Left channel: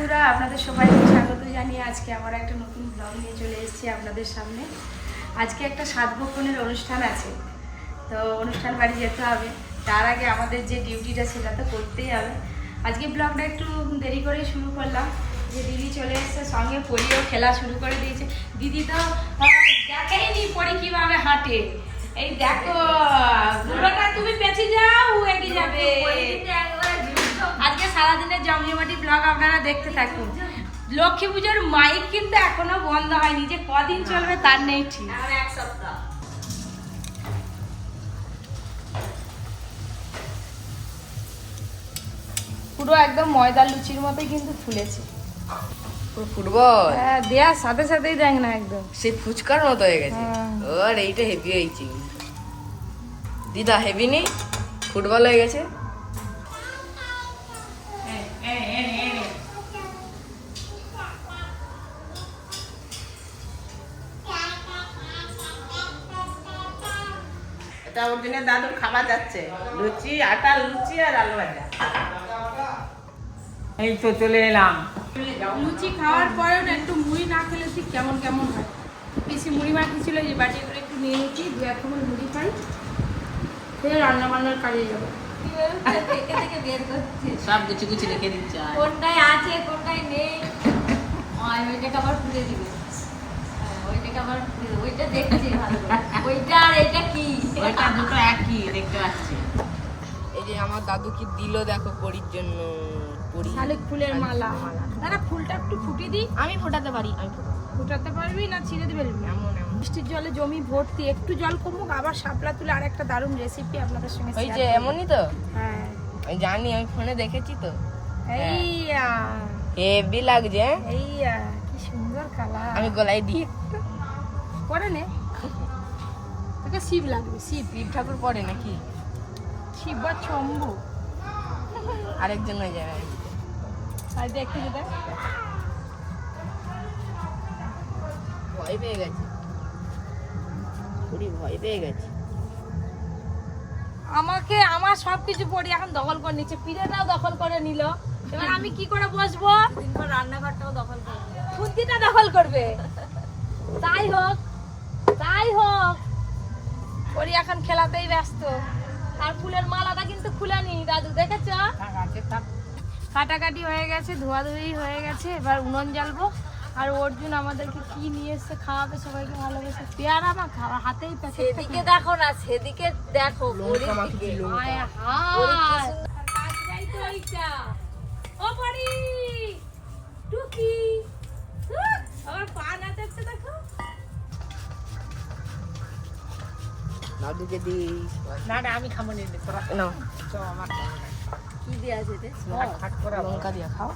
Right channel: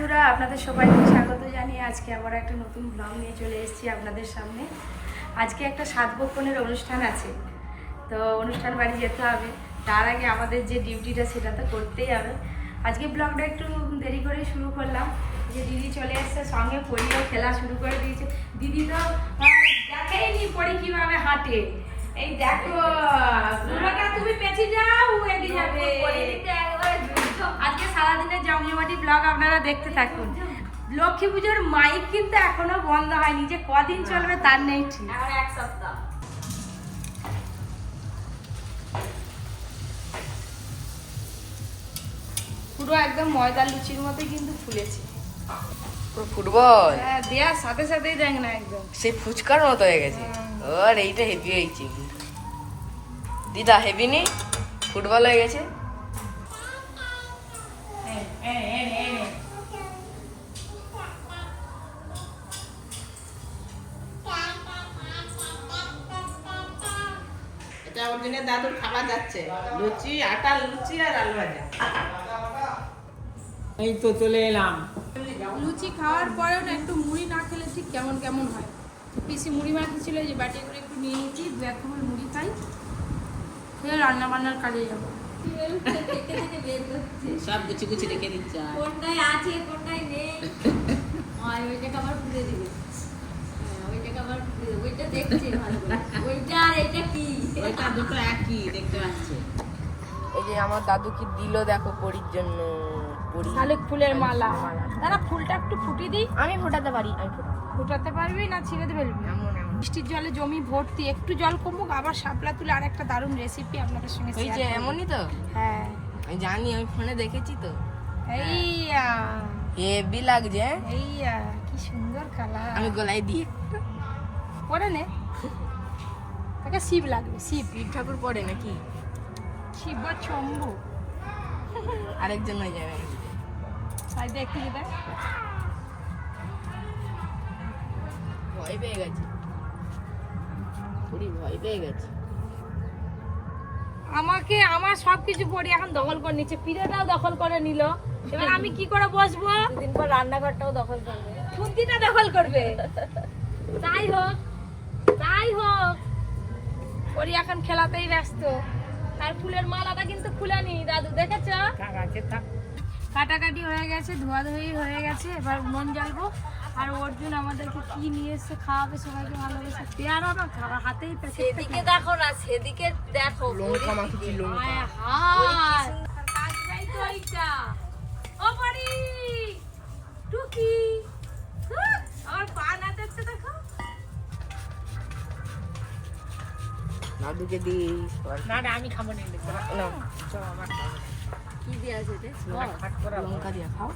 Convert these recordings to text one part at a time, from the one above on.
বন্ধুরা আপনাদের সবাইকে স্বাগত জানিয়ে আজকে আবার একটা নতুন ব্লগ নিয়ে চলে এসেছি আপনাদের সামনে। আজকে একটা সাত সাতভক্ষণের অনুষ্ঠান আছে তো অনুষ্ঠান বাড়ি যেতে হবে। তার আগে আমাদের যে ডিউটিটা সেটা তো করতেই হবে। আজকে ব্লগটা একটু দেরি করেই শুরু করলাম। যে দিদি চলে এসছে সঙ্গে পরিও খেলা শুরু করে দিয়েছে। দিদি তো দেখেইনি পরি কীভাবে হাঁটে। এই দেখো তুমি পেছে যাও এগিয়ে যাবে। সারাদিনের জমিজমাটি ব্লগ আপনারা দেখতে থাকুন। লক্ষ্মী পুজোর মাইক কিন্তু এখনও বন্ধ হয়নি যে কদিন চলবে তার নেই ঠিক। পুরো একদম ময়দা লুচির মতোই কিন্তু ফুলেছে। পুরো ফুটবল? হ্যাঁ দেওয়ার সাথে সাথেই দেখ না একদম। সেই ফুচকার মতো হয়ে গেছে। হ্যাঁ। ওর এইটা হেভি হয়েছে। দিদা হেভি নেই? ফুটবল হয়ে গেছে? এটা ওর জন্য দাদুর খাবার যাচ্ছে। লুচি আটা লুচি আর আলু ভাজা। এই তো চলে এলাম। লুচি খাওয়ার পরেও না একটু মুড়ি না খেলে ঠিক কেমন কেমন হয়? পিসি মুড়ি মাখিয়েছিল যে বাটি করে একটু নিয়ে নিচ্ছি দু এক কেমন মুড়ি খাই। ফের রান্না বান্নার কাজে যাব। সব গুছি গুছি রেখে দিচ্ছে। কোনটায় আছে কোনটায় নেই? আবার খুলে দিবি। ওইটাকে আবার খুলে দিবি। ওইটা দেখছি ভালো ওইটা আর এটা কি? ওইটা দুটো একই দেখতে পাচ্ছি। এই যে আমার দাদু কি দিল দেখো পরির জন্য শালিক ফুলের মালা। দাদা ফুলটা একটু ফুটি দিই। আমি ফোটাতে পারি আমি ফোটাতে পারবি না ছিঁড়ে এমন এমন। বৃষ্টির জলে জমি ভর্তি একটু জল কমুক আবার শাপলা তুলে আর একটা দারুণ রেসিপি আপনাদের সঙ্গে ওই যে এমনই তো? হ্যাঁ। জানি আমি ফোনে দেখেছি তো। এই হেভি লাগছে হ্যাঁ? এই কি সুন্দর কালার আমি গলায় দিয়ে পরে নে। তাকে শিব লাগবে। শিব শিব ঠাকুর পরে নাকি? শিব বা শম্ভু আরেকজন হয়ে যাবে। তাই দেখতে যেটা ভয় পেয়ে গেছে। ভয় পেয়ে গেছে। আমাকে, আমার সবকিছু পড়ি এখন দখল করে নিচ্ছে। পিড়েটাও দখল করে নিল। এবার আমি কি করে বসবো? দুদিন পর রান্নাঘরটাও দখল করবে। বুদ্ধিটা দখল করবে। তাই হোক তাই হোক পরি এখন খেলাতেই ব্যস্ত। তার ফুলের মালাটা কিন্তু খুলেনি দাদু দেখেছ? কাটাকাটি হয়ে গেছে ধোয়াধুয়ি হয়ে গেছে এবার উনুন জ্বালবো। আর অর্জুন আমাদেরকে কি নিয়ে এসছে খাওয়াবে সবাইকে ভালোবেসে। পেয়ারা না খাওয়া হাতেই সেদিকে দেখো না সেদিকে দেখো লঙ্কা মাখিছি লঙ্কা। কাজটাই তো এইটা। ও পরি টুকি। দাদুকে দিই না না আমি খাব নি কি দিয়ে আছে লঙ্কা দিয়ে খাও।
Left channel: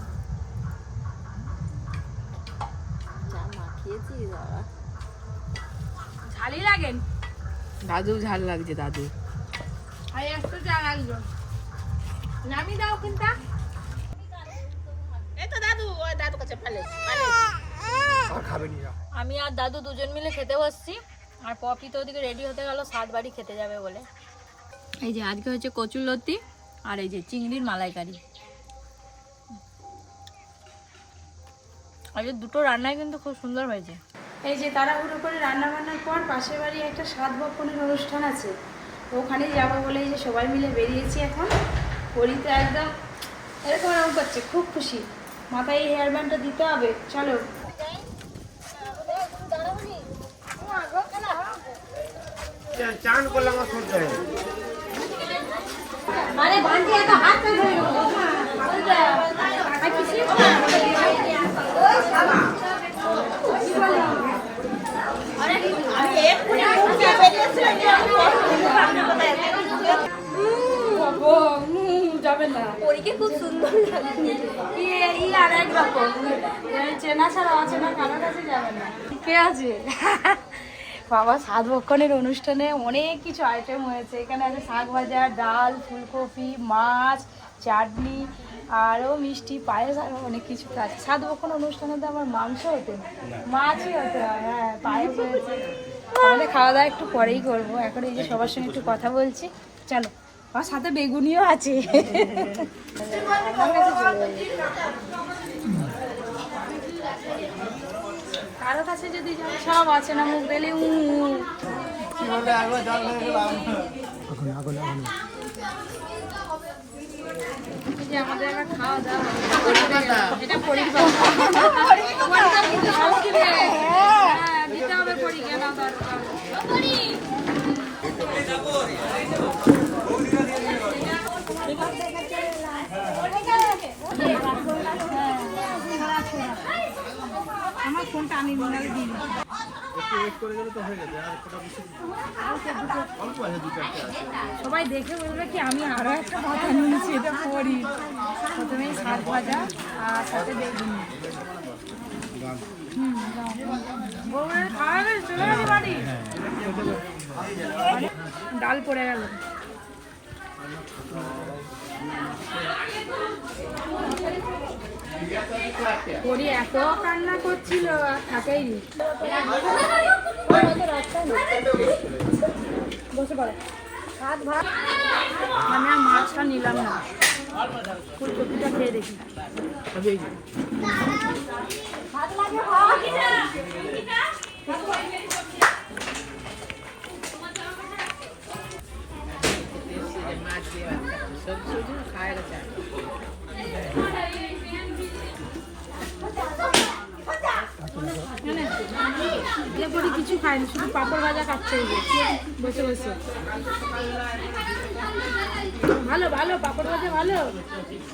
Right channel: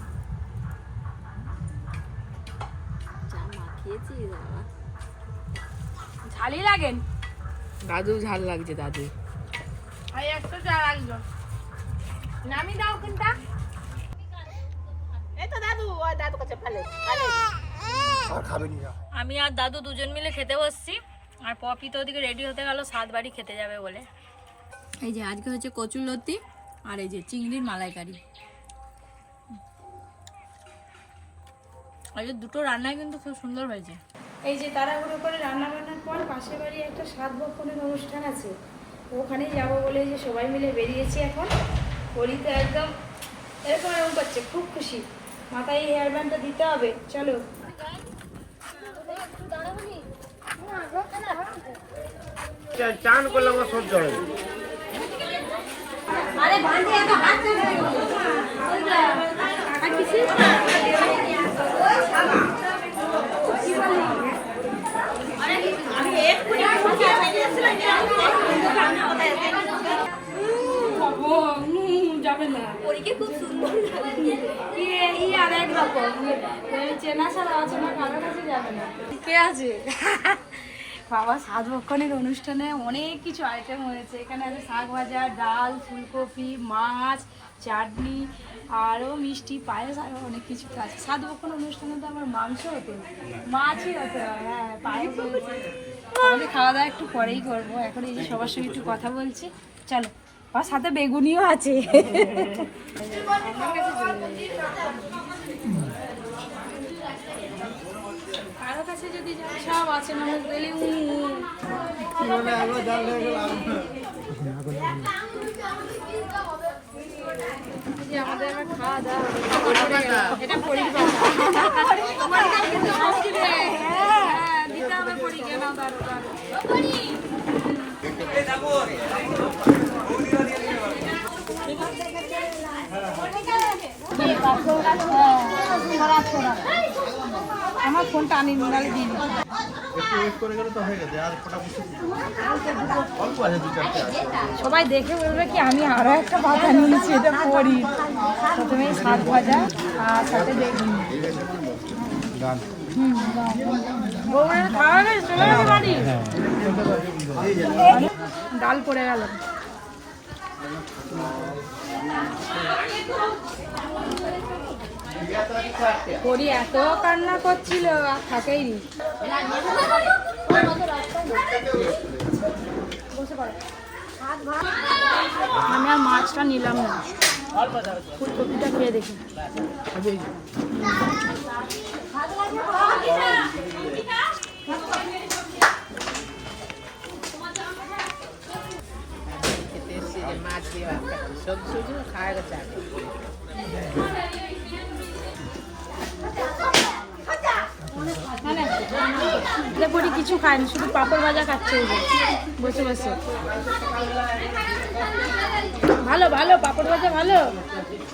যা মাখিয়েছি বাবা। ঝালি লাগেন দাদু ঝাল লাগছে দাদু। আর লাগল। নামি দাও কোনটা এই তো দাদু ওই দাদু কাছে ফেলে আমি আর দাদু দুজন মিলে খেতে বসছি। আর পপি তো ওদিকে রেডি হতে গেল সাত বাড়ি খেতে যাবে বলে। এই যে আজকে হচ্ছে কচুর লতি আর এই যে চিংড়ির মালাইকারি। আজকে দুটো রান্নাই কিন্তু খুব সুন্দর হয়েছে। এই যে তাড়াহুড়ো করে রান্না বান্নার পর পাশের বাড়ি একটা সাত বক্ষণের অনুষ্ঠান আছে। ওখানে যাব বলে এই যে সবাই মিলে বেরিয়েছি এখন। পরিতে একদম এরকম এরকম করছে খুব খুশি। মাথায় এই হেয়ার ব্যান্ডটা দিতে হবে চলো। চান করলাম আর সহ্য হয় উম, যাবে না খুব সুন্দর ই ই আর এক রকম। চেনা ছাড়া অচেনা কারোর কাছে যাবে না। কে আছে? বাবা সাত ভক্ষণের অনুষ্ঠানে অনেক কিছু আইটেম হয়েছে। এখানে আছে শাক ভাজা ডাল ফুলকপি মাছ চাটনি আরও মিষ্টি পায়েস আরও অনেক কিছু আছে। সাত ভক্ষণ অনুষ্ঠানে তো আমার মাংস হতে মাছই হতে হয় হ্যাঁ পায়েস হয়েছে। তাহলে খাওয়া দাওয়া একটু পরেই করব। এখন এই যে সবার সঙ্গে একটু কথা বলছি। চলো আর সাথে বেগুনিও আছে। আমার কাছে চলে যাবে। কারও কাছে যদি যাই সব আছে না মুখ উ উ। এই যে আমাদের এবার খাওয়া দাওয়া। এটা পরির পাতা। কিন্তু হ্যাঁ দিতে হবে পরীক্ষা নাও দাঁড়ো দাঁড়ো আমার ফোনটা আনি নালে দিই সবাই দেখে বলবে কি, আমি আরও একটা পাতা নিয়েছি এটা পড়ি প্রথমে শাক ভাজা, আর সাথে? ডাল পড়ে গেল। পরি এত কান্না করছিল, আর থাকেই নি বসে পড়ে। আমি আর মাছটা নিলাম না। ফুলকপিটা খেয়ে দেখি। মাছ দিয়ে সবজি খাওয়া গেছে লেবুরি কিছু খায়নি, শুধু পাপড় ভাজা খাচ্ছে বসে বসে। ভালো ভালো, পাপড় ভাজা ভালো।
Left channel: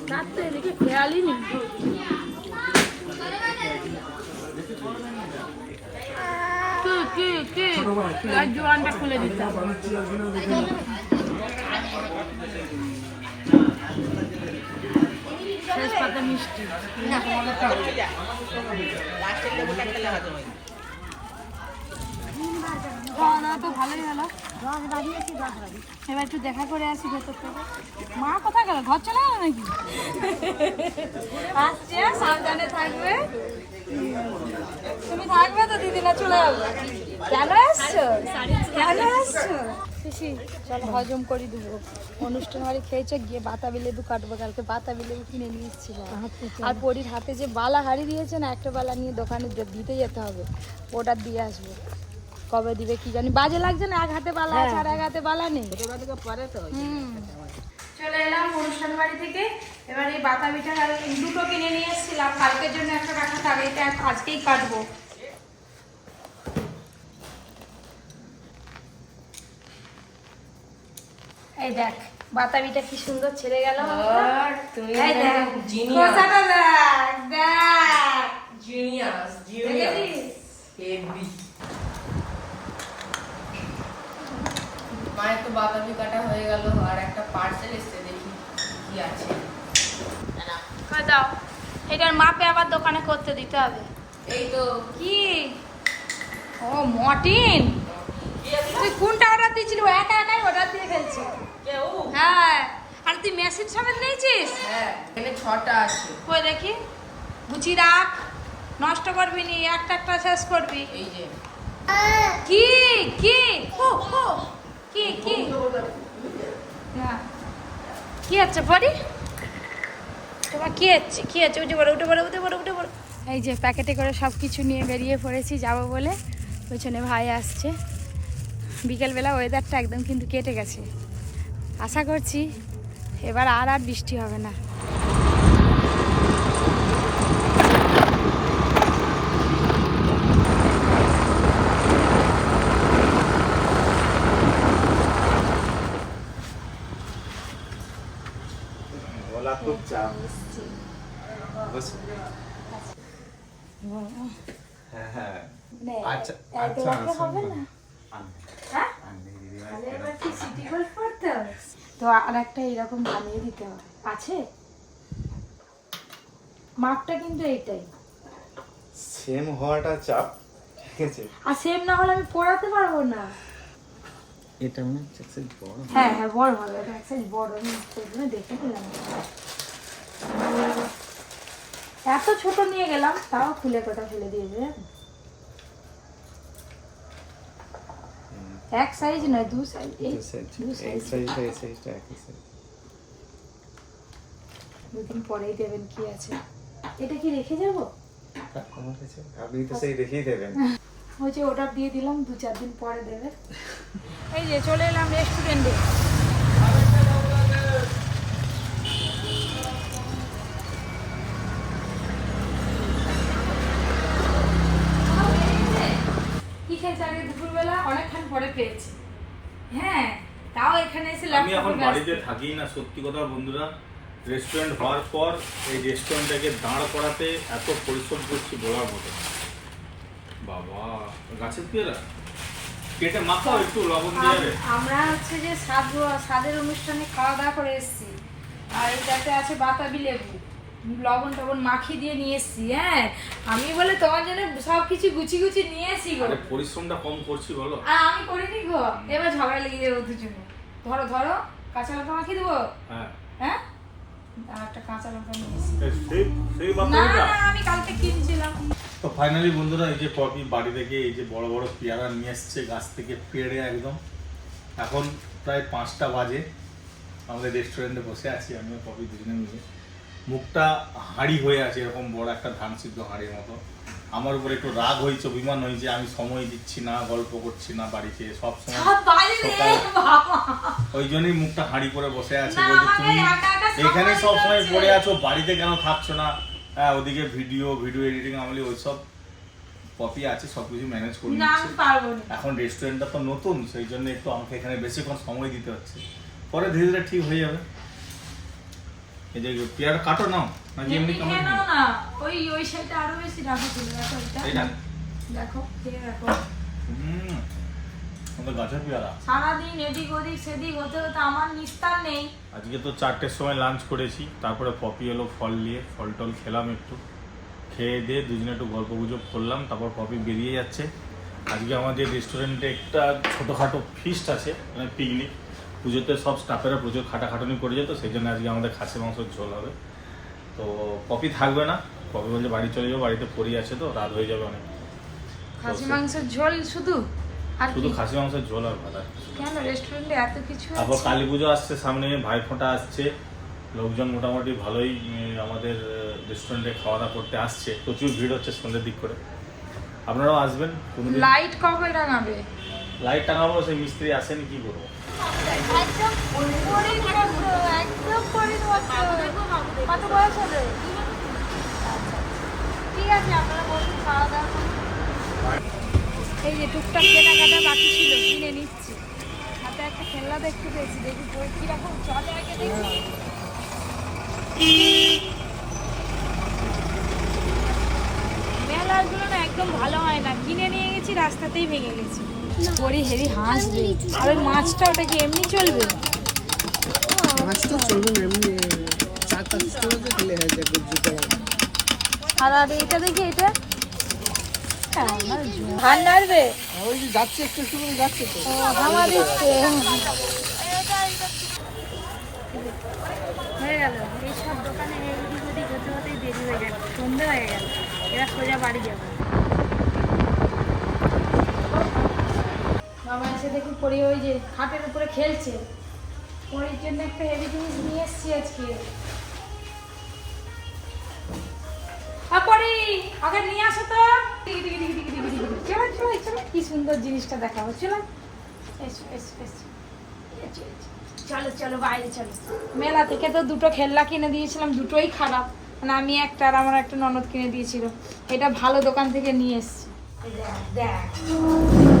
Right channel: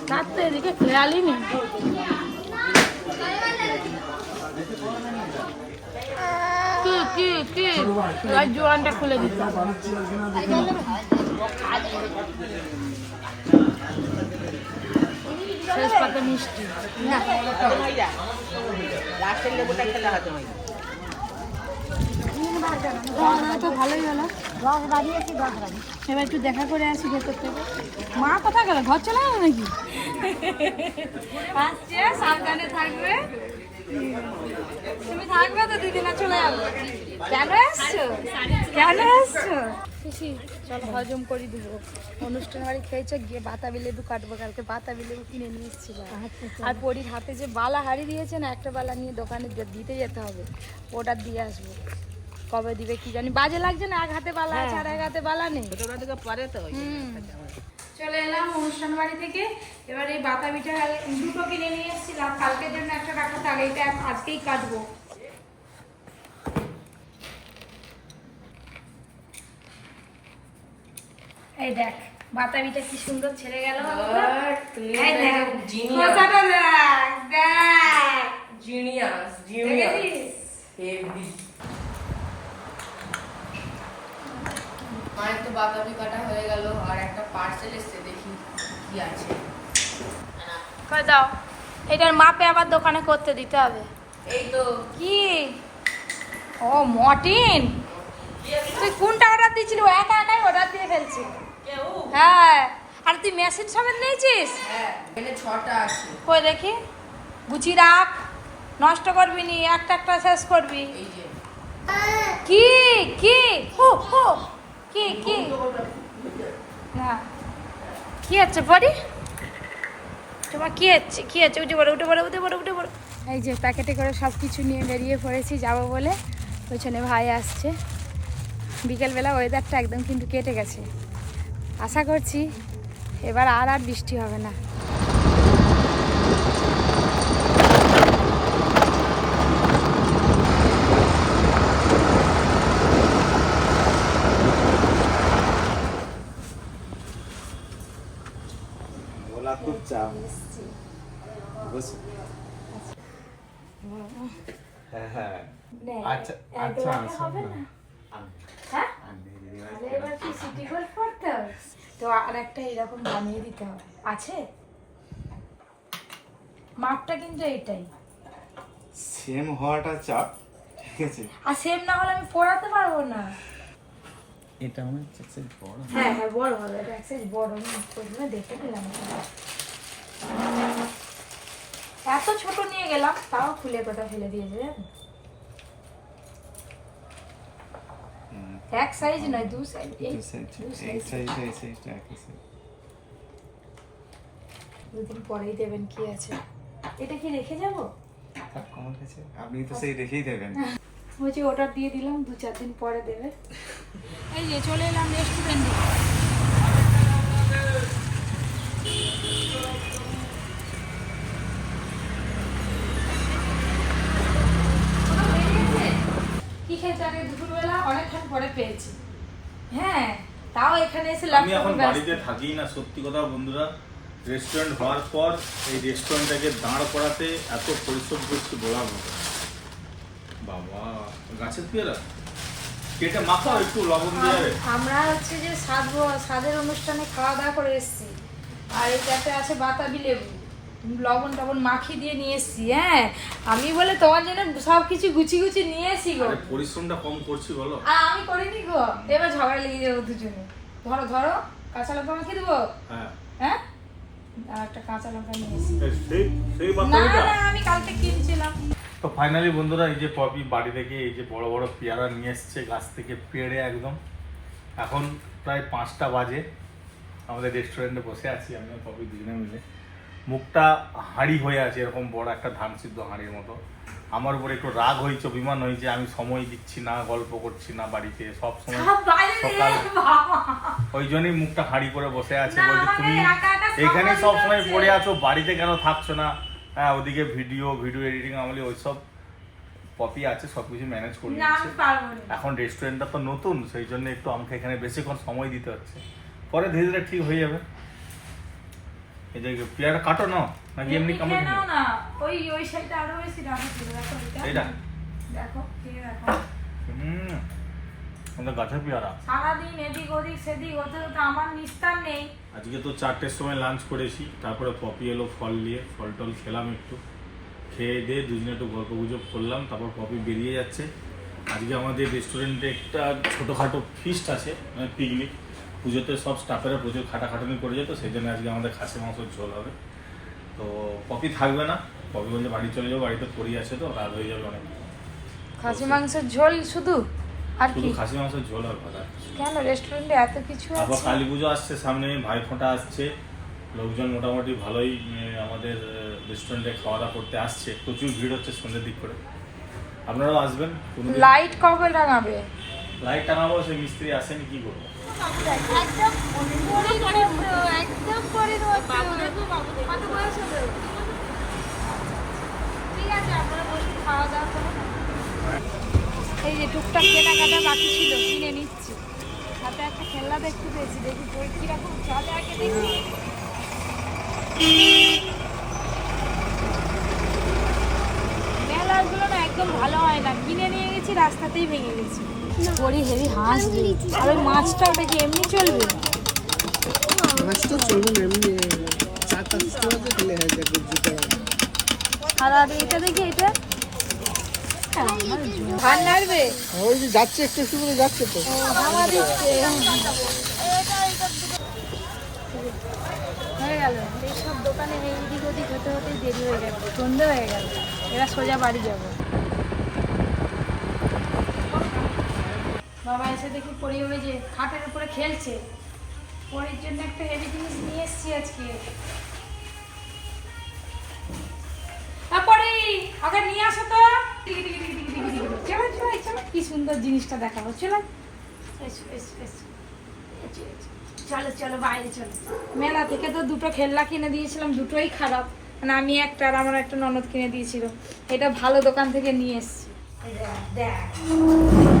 তার তো এদিকে খেয়ালই নেই কি কি কি? জোয়ানটা খুলে হবে। শেষ পাতা মিষ্টি। খাওয়া দাওয়া তো ভালোই হলো। এবার একটু দেখা করে আসি ভেতর থেকে। মা কোথায় গেল? ঘর চলে গেল নাকি? আসছে সাবধানে থাকবে। তুমি থাকবে তো দিদি না চলে যাবে। কেন আসছো? কেন আসছো? চলো হজম করে দেবো অনুষ্ঠান বাড়ি খেয়েছো, গিয়ে বাতাবি লেবু কাটবো কালকে। বাতাবি লেবু কিনে নিয়ে আর পরির হাতে যে বালা হারিয়ে দিয়েছে না, একটা বালা নিয়ে দোকানে দিতে যেতে হবে, ওটা দিয়ে আসব। কবে দিবে কি জানি। বাজে লাগছে না এক হাতে বালা আছে আর এক হাতে বালা নেই। ছোটবেলা থেকে পরে তো চলে এলাম অনুষ্ঠান বাড়ি থেকে। এবার এই বাতাবিটা কাল- দুটো কিনে নিয়ে এসেছিলাম। কালকের জন্য একটা রাখা থাক এটা আজকেই কাটবো। এই দেখ বাতাবিটা কি সুন্দর ছেড়ে গেল। দেখ, জিনিয়াস। জিনিয়াস জিনিয়াস দেখেছিস? হেভি মায়ের তো বাতাবি কাটা হয়ে গেল আর একটা পার্সেল এসছে দেখি কি আছে। দাও। এটার মাপে আবার দোকানে করতে দিতে হবে। এই তো। কি? ও মর্টিন? তুই কোনটা অর্ডার দিয়েছিলি? ও একা একাই অর্ডার দিয়ে ফেলছি। হ্যাঁ। আর তুই মেশিন সমেত নিয়েছিস? হ্যাঁ ছটা আছে। কই দেখি? গুছিয়ে রাখ। নষ্ট করবি নি একটা একটা শেষ করবি। কি? কি? হো হো কি কি? হ্যাঁ। কি আছে পরি তোমার কি হচ্ছে? কি আছে উঠে পড়ো উঠে পড়ো উঠে পড়ো উঠে পড়ো। এই যে প্যাকেটে করে সব কিছু নিয়ে বেরিয়ে পড়েছি, যাব বলে। পেছনে ভাই আসছে। বিকেলবেলা ওয়েদারটা একদম কিন্তু কেটে গেছে। আশা করছি এবার আর আর বৃষ্টি হবে না ওলা খুব চাপ বস হ্যাঁ হ্যাঁ। আচ্ছা আচ্ছা হ্যাঁ? আমি দিদিভাই তাহলে এবার কি সিটি গোল্ড পড়তে হবে? তো আর একটা এরকম বানিয়ে দিতে হবে। আছে? মাপটা কিন্তু এইটাই। সেম হওয়াটা চাপ ঠিক আছে? আর সেম না হলে আমি পড়াতে পারব না। এটা মনে হচ্ছে বড় হ্যাঁ হ্যাঁ বড় হবে। এটা সাইজ বড়। আমি দেখে নিলাম। এত ছোট নিয়ে গেলাম তাও খুলে কোথাও ফেলে দিয়েছে এক সাইজ নয় দু সাইজ এই দু সাইজ দু এই সাইজ সাইজটা এই সাইজটা একই সাইজ দুদিন পরেই দেবেন কি আছে। এটা কি রেখে যাব? আপনি তো সেই রেখেই দেবেন। ওই যে অর্ডার দিয়ে দিলাম দু চার দিন পরে দেবে। এই যে চলে এলাম রেস্টুরেন্টে তাও এখানে এসে আমি এখন বাড়িতে থাকি না সত্যি কথা বন্ধুরা। রেস্টুরেন্ট হওয়ার পর এই রেস্টুরেন্টটাকে দাঁড় করাতে এত পরিশ্রম করছি বলার মতো। বাবা গাছের পেয়ারা? কেটে মাখাও একটু লবণ দিয়ে আমরা হচ্ছে যে স্বাদ স্বাদের অনুষ্ঠানে খাওয়া দাওয়া করে এসেছি। আর এটাতে আছে বাতাবি লেবু। লবণ টবণ মাখিয়ে দিয়ে নিয়ে এসেছি হ্যাঁ। আমি বলে তোমার জন্য সব কিছু গুছি গুছি নিয়ে এসেছি গো। পরিশ্রমটা কম করছি বলো। আর আমি করিনি গো। এবার ঝগড়া লেগে যাবে দুজনে ধরো ধরো কাঁচা লঙ্কা মাখিয়ে দেবো? হ্যাঁ। হ্যাঁ? আর একটা কাঁচা লঙ্কা নিয়ে এসেছি। না না আমি কালকে কিনছিলাম। তো ফাইনালি বন্ধুরা এই যে পপি বাড়ি থেকে এই যে বড় বড় পেয়ারা নিয়ে এসছে গাছ থেকে পেড়ে একদম। এখন প্রায় পাঁচটা বাজে। আমাদের রেস্টুরেন্টে বসে আছি আমিও পপি দুজনে মিলে। মুখটা হাঁড়ি হয়ে আছে এরকম বড় একটা ধান সিদ্ধ হাঁড়ির মতো। আমার উপর একটু রাগ হয়েছে অভিমান হয়েছে আমি সময় দিচ্ছি না গল্প করছি না বাড়িতে সব সময় সকাল ওই জন্যই মুখটা হাঁড়ি করে বসে আছে বলছে তুমি এখানে সব সময় পড়ে আছো বাড়িতে কেন থাকছো না? হ্যাঁ ওদিকে ভিডিও ভিডিও এডিটিং আমলে ওইসব পপি আছে সব কিছু ম্যানেজ করে নিচ্ছে। এখন রেস্টুরেন্টটা তো নতুন সেই জন্য একটু আমাকে এখানে বেশিক্ষণ সময় দিতে হচ্ছে। পরে ধীরে ধীরে ঠিক হয়ে যাবে। এই যে পেয়ারা কাটো নাও নাকি এমনি কামড়ে না ওই ওই সাইডটা আরও বেশি রাখো চলে দেখো রাখো। হুম আমাদের গাছের পেয়ারা। সারাদিন এদিক ওদিক সেদিক হতে হতে আমার নিস্তার নেই। আজকে তো চারটের সময় লাঞ্চ করেছি তারপরে পপি এলো ফল নিয়ে ফল টল খেলাম একটু। খেয়ে দিয়ে দুজনে একটু গল্প গুজব করলাম তারপর পপি বেরিয়ে যাচ্ছে। আজকে আমাদের রেস্টুরেন্টে একটা ছোটোখাটো ফিস্ট আছে মানে পিকনিক পুজোতে সব স্টাফেরা প্রচুর খাটাখাটুনি করে যেত সেই জন্য আজকে আমাদের খাসি মাংসের ঝোল হবে। তো পপি থাকবে না পপি বলছে বাড়ি চলে যাব বাড়িতে পড়ি আছে তো রাত হয়ে যাবে অনেক খাসি মাংসের ঝোল শুধু? আর শুধু কি? খাসি মাংসের ঝোল আর ভাত কেন রেস্টুরেন্টে এত কিছু তারপর আছে? কালী পুজো আসছে সামনে ভাইফোঁটা আসছে। লোকজন মোটামুটি ভালোই আমাদের রেস্টুরেন্টে খাওয়া দাওয়া করতে আসছে। প্রচুর ভিড় হচ্ছে সন্ধ্যের দিক করে। আপনারাও আসবেন লাইট কবে লাগাবে লাইট টাঙাবো সেই মিস্ত্রি আসেনি কি করব? এই যে টুকটাক কেনাকাটা বাকি ছিল, কিনে নিচ্ছি। হাতে একটা খেলনা দেখতে পেয়েছি, দেখি বই কীরকম, চলে আগে দেখি। মেলাগুলো না একদম ভালো হয় না, কিনে নিয়ে গেছি, রাস্তাতেই ভেঙে গেছি। পরে হেভি হাসবে আর ওই মাছটা ওটা কি এমনি চলবে? মাছটা চলবে না এমনি চার পাঁচ করে খেলে হয়ে যাবে আর আর এটা দেখি এটা? ঠান্ডা আসবে ওই যে যাচ্ছে একটু একটু করে যাচ্ছে তো। হয়ে গেল। এইসব দোকানে এদিক ওদিক হতে হতেই দেরি হয়ে গেল। সন্ধে হয়ে গেল। এরা সোজা বাড়ি যাব। বাবা এসে দেখি পরি ওই যে খাটের উপরে খেলছে। পরির জন্য একটা হেভি জিনিস নিয়ে এসছি আজকে। আগে নিয়ে আসো তো। চলো চলো চলো। কি সুন্দর জিনিসটা দেখাবো চলো। চলো চলো বাইরে চলো। মেলা থেকে তো দুটো কিনে দিয়েছিলাম দুটোই খারাপ। মানে আমি একটা আর আমার একটা ননদ কিনে দিয়েছিল। এটা ভালো দোকান থেকে নিয়ে এসেছি। দেখ, দেখ।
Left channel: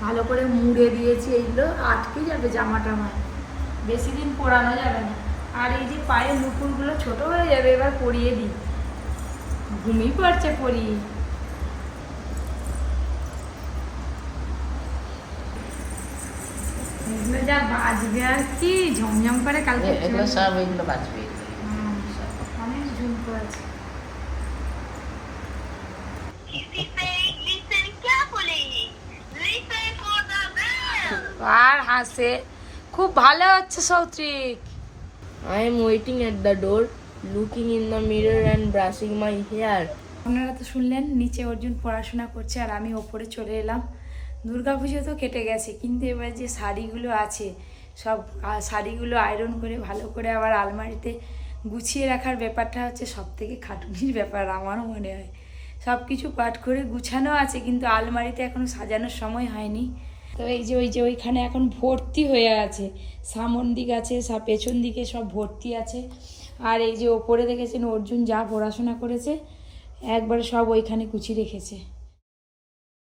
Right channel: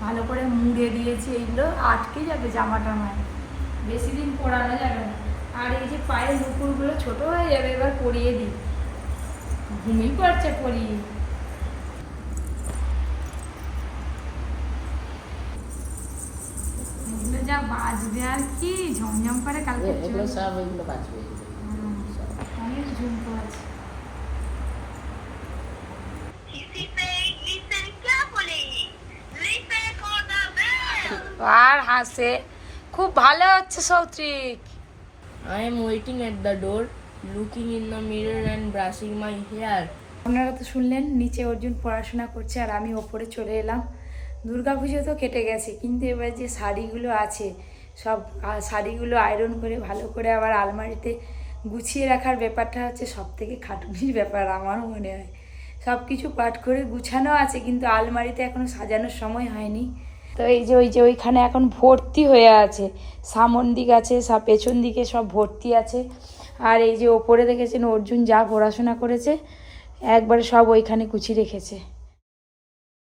ভালো করে মুড়ে দিয়েছি এইগুলো আটকে যাবে জামা টামায় বেশি দিন পরানো যাবে না। আর এই যে পায়ের নুপুরগুলো ছোট হয়ে যাবে এবার পরিয়ে দিই। ঘুমিয়ে পড়ছে পরি এগুলো যা বাজবে আর কি ঝমঝম করে কালকে সব এগুলো হুম, অনেক ঝুমকো আছে। আর হাসে। খুব ভালো হচ্ছে Soutrik. I am waiting at the door, looking in the mirror and brushing my hair. আপনারা তো শুনলেন নিচে অর্জুন পড়াশোনা করছে আর আমি ওপরে চলে এলাম। দুর্গাপুজো তো কেটে গেছে কিন্তু এবার যে শাড়িগুলো আছে সব শাড়িগুলো আয়রন করে ভালো করে আবার আলমারিতে গুছিয়ে রাখার ব্যাপারটা হচ্ছে সব থেকে খাটুনির ব্যাপার আমারও মনে হয়। সব কিছু পাঠ করে গুছানো আছে কিন্তু আলমারিতে এখনও সাজানোর সময় হয়নি। তো এই যে ওই যে ওইখানে এখন ভর্তি হয়ে আছে। সামন দিক আছে সব পেছন দিকে সব ভর্তি আছে। আর এই যে ওপরে দেখেছেন অর্জুন যা পড়াশোনা করেছে, একবারে সব ওইখানে কুচি রেখেছে।